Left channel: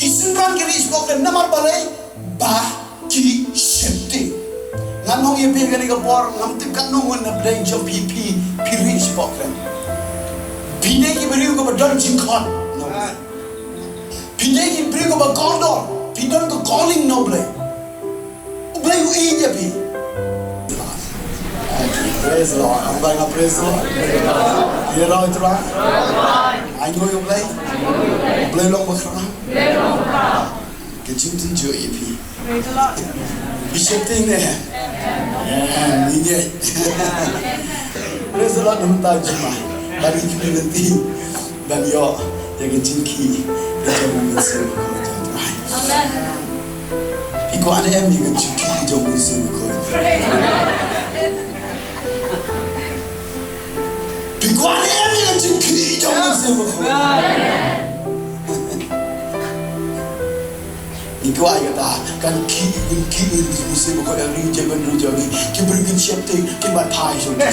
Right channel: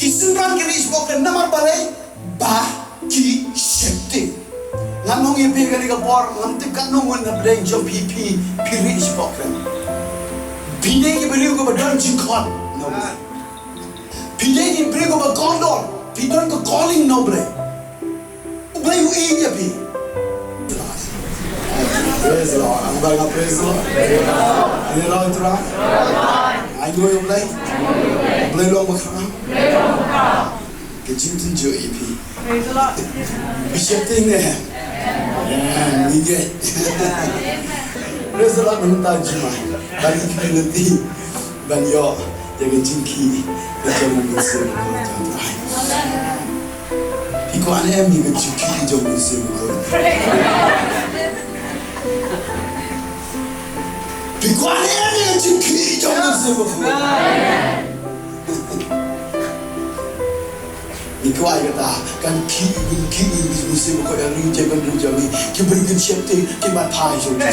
Isuran kiri spoken namar balai bah ki septi. Nganong ibe kali kapor ngamtip kanongon na bleng jom pipi piri spoken. Pide ki beriu ko badon jingkyrkhu no. Pide ki beriu ko bagondor pidon ko calling no bleng. U Blei U ya pi. Praise the Lord. I'm going to praise the Lord. You know it right? I know you Blei. Blei long bakram. Cái chính tin chữ EP. Praise the Lord. Bishop thing nè. Yeah, như vậy. Praise the Lord chúng ta Jumai. Bagi community, bagi yo, jadi jingki, jadi manusia berkorban. Iku aneh em juga jingki jadi manusia berkorban. Iku aneh em juga jingki jadi manusia berkorban. Iku ayat kata kan kiwei manusia berkorban ni jaban jamin, kiberikan siapa tu kibat pai jadi.